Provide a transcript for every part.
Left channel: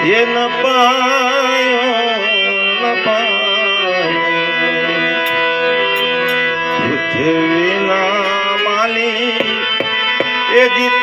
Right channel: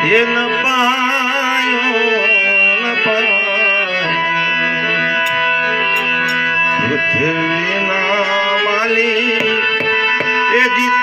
એ લપાયો લપાયો પૃથ્વીના માલી એ જીત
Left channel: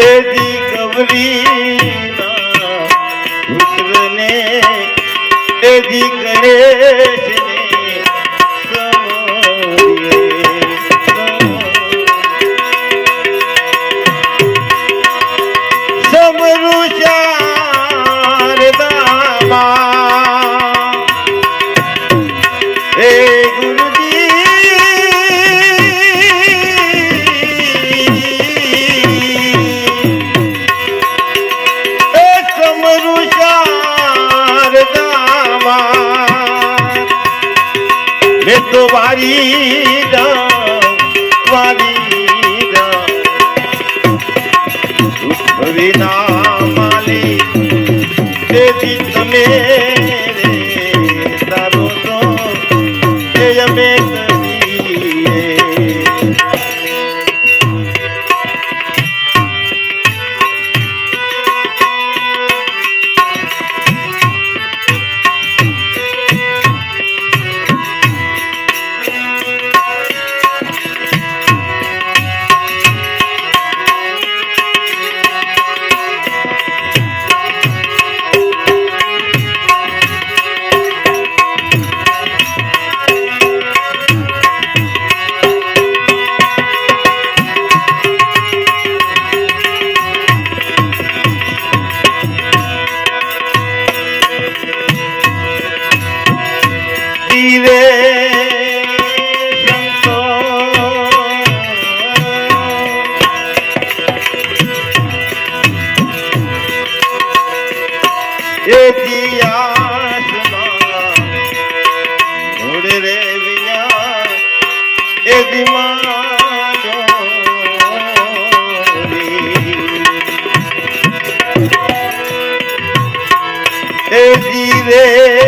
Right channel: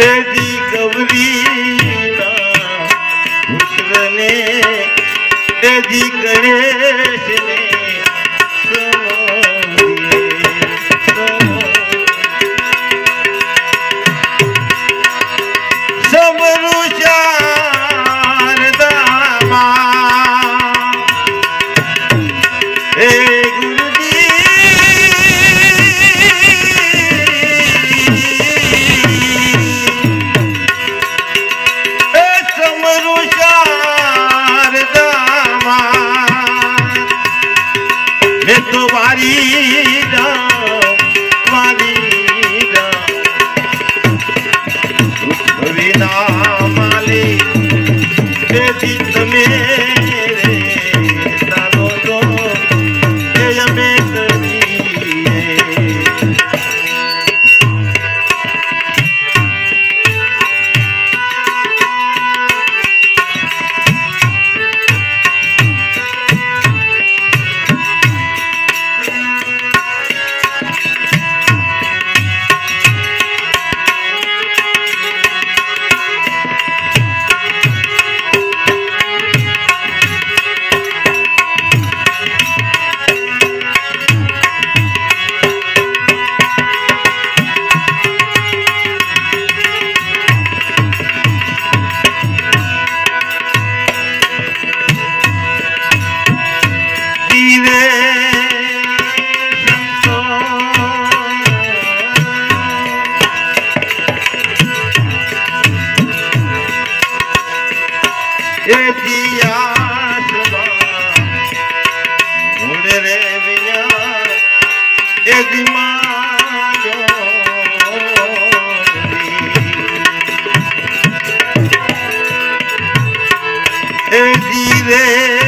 હેજી ગવરી મિત્રને દેજી કરે મૂળ રે વિના એ દિમાજો એ ધીરે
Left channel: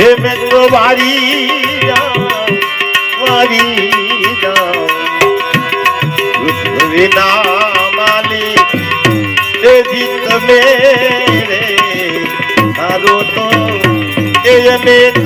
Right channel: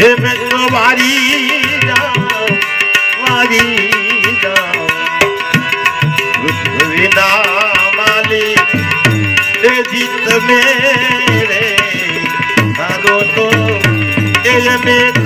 મે તો વારી વારી વિના માલી એ જીત મેરે હારો તો એ મેં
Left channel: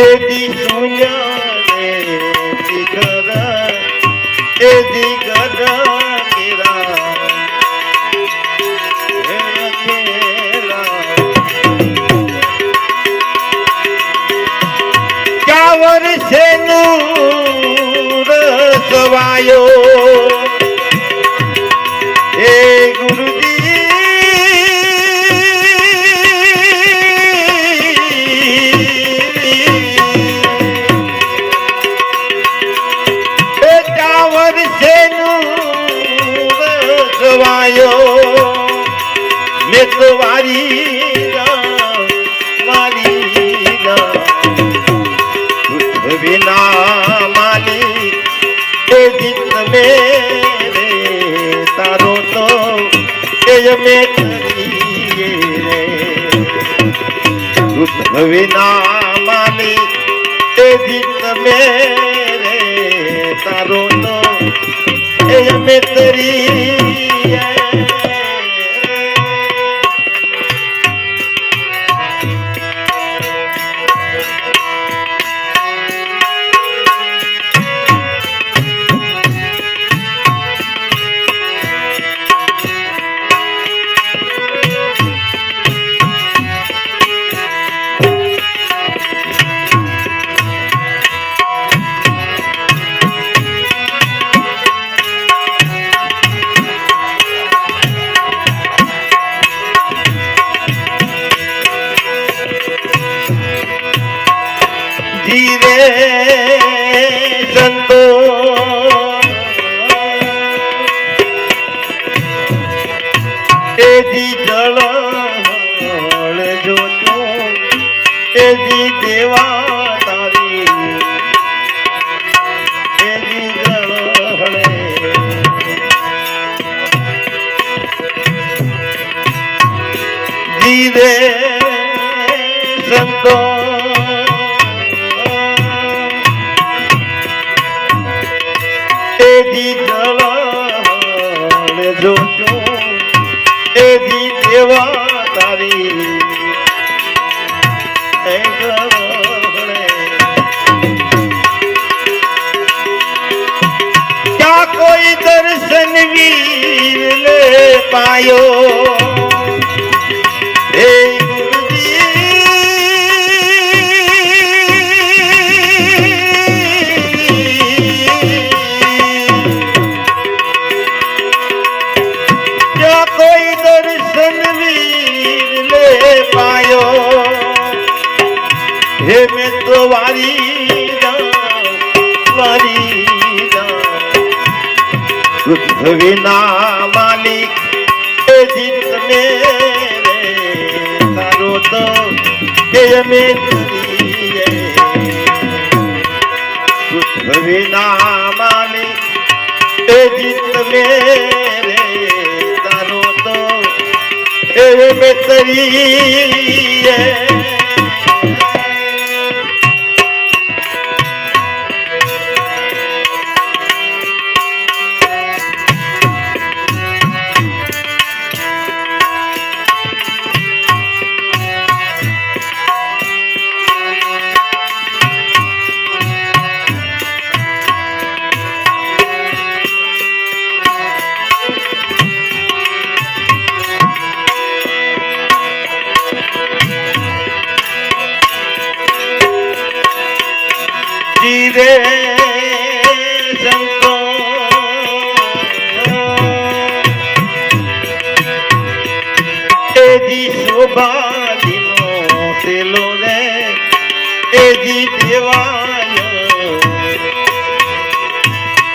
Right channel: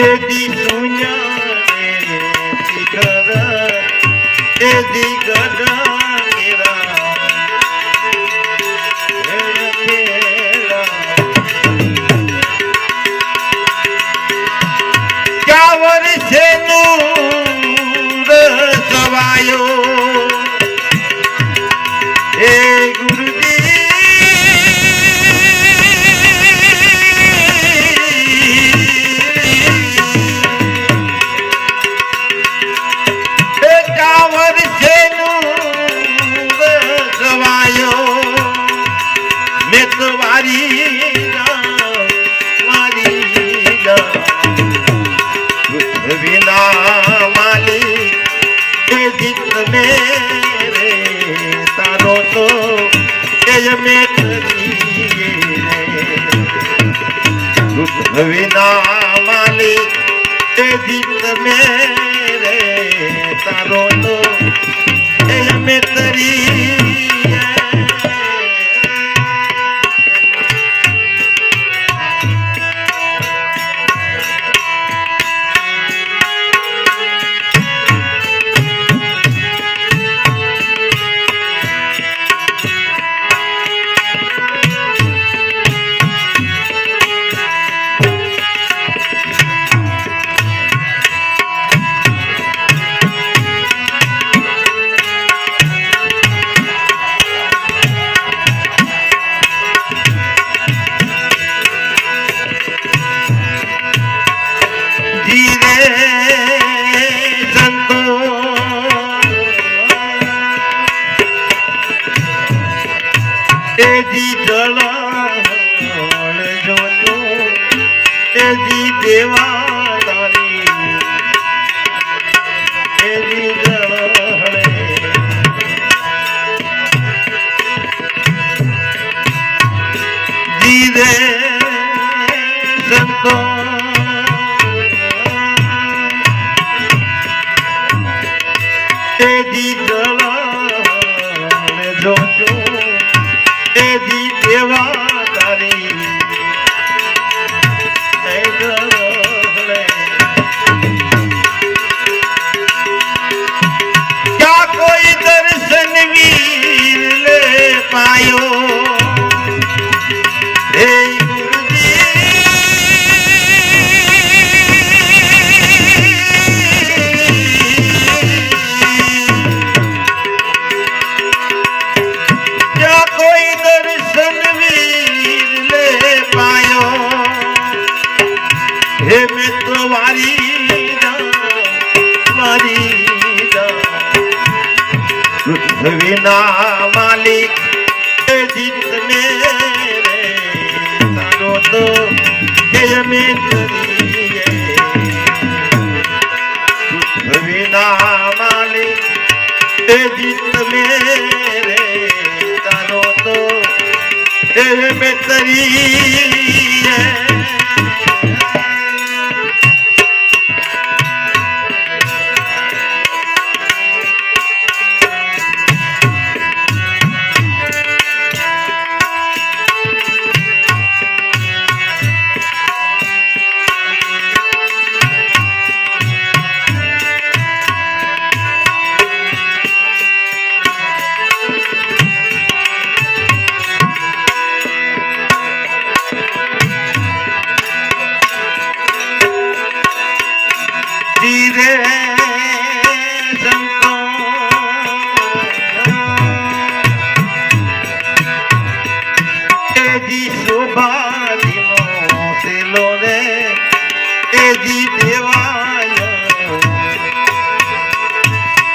એદી શિખર એદી વિના માલી એ જીત મેરે તારો તો એ મેં કરીએ રે વિના માલી એ જીત મેં તરી એ જી જળ જોતો એ દેવા તારી. એ જી જળ ધીરે સંતો. તેજી જળ જોતો. દેવા તારી. ક્યાં કોઈ દર્શન વીર લે પાયો વારી વારી. પૃથ્વીના માલિક જીત મેરે તારો તો એ અમે. પૃથ્વીના માલિક જીત મેરે તારો તો અમે કરીએ.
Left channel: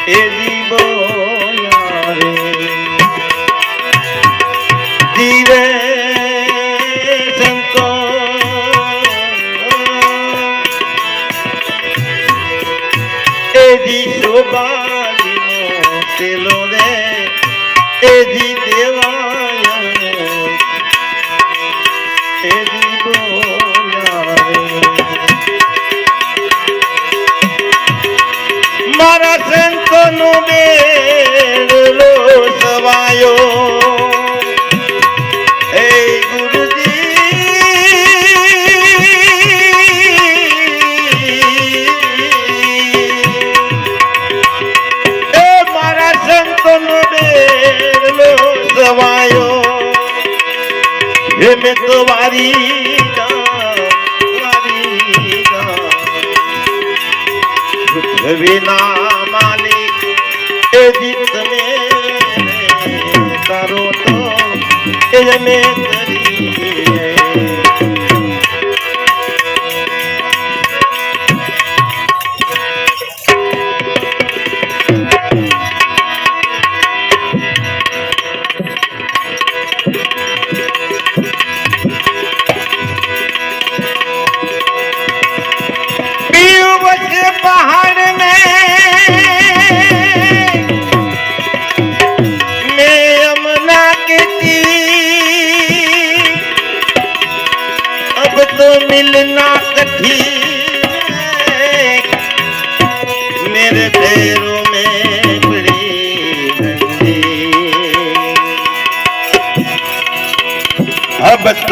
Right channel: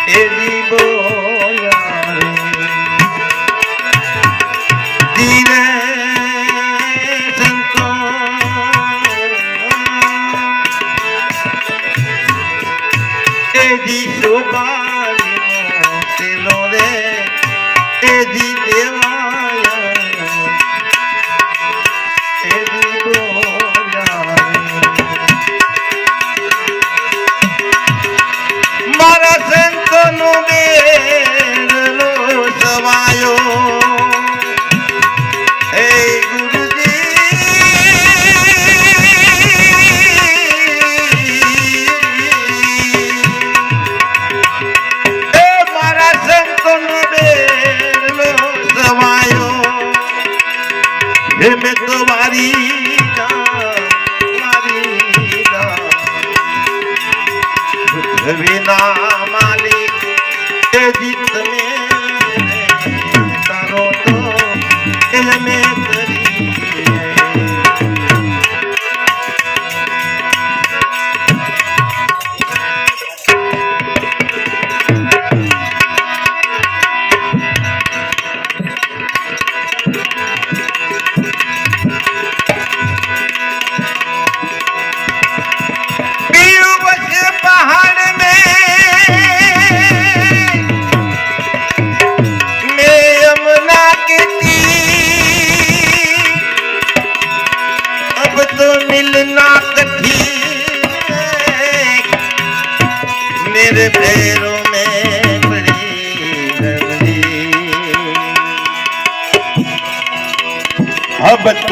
એજી બોલા રે ધીરે સંતો. એજી શોભાજીનો સેલો રે એજી દેવાયો બોલા મારા સંતોનો બેડલો સવાયો હે ગુરુજી. એ મારા સંતોનો બેડલો સવાયો હે મેં તો વારી જા વારી પૃથ્વીના જીત તારો તો એ અમે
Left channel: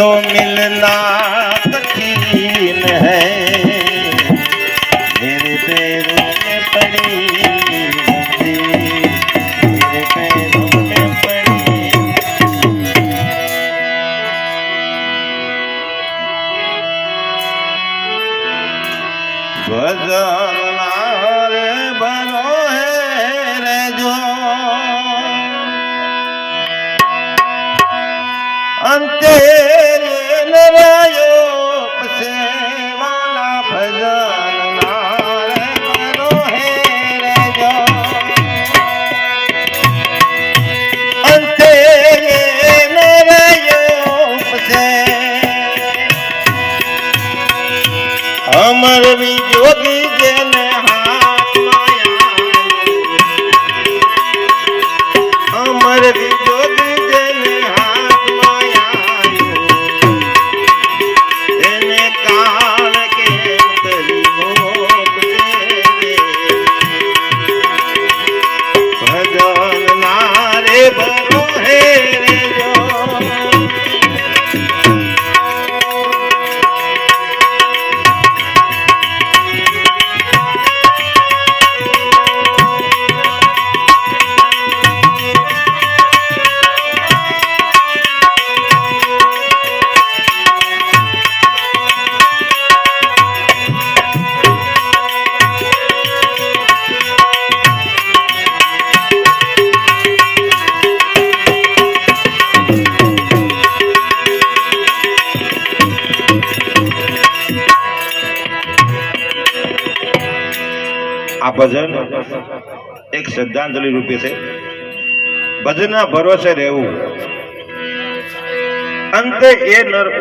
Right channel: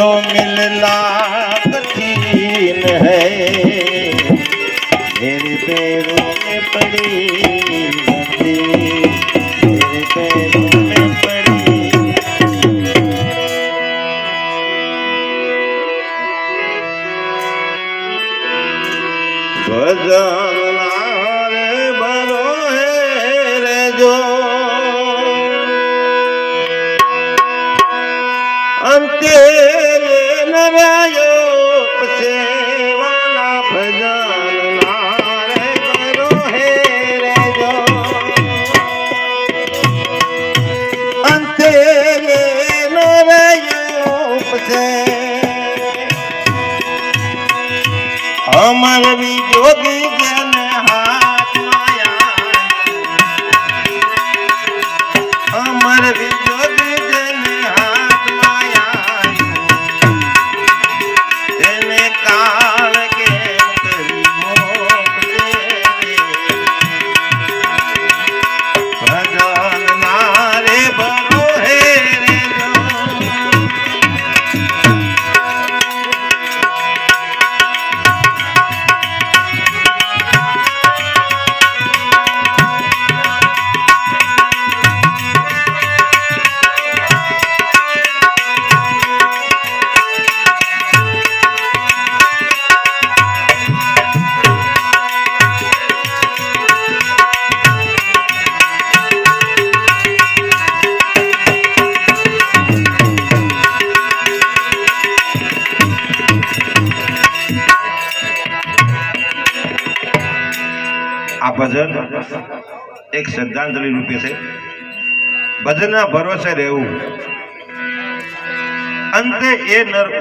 मिलना আমার বিযোগী શ્રદ્ધાંજલિ રૂપે છે. ભજનના ભરોસે રહેવું. અંતે એ નર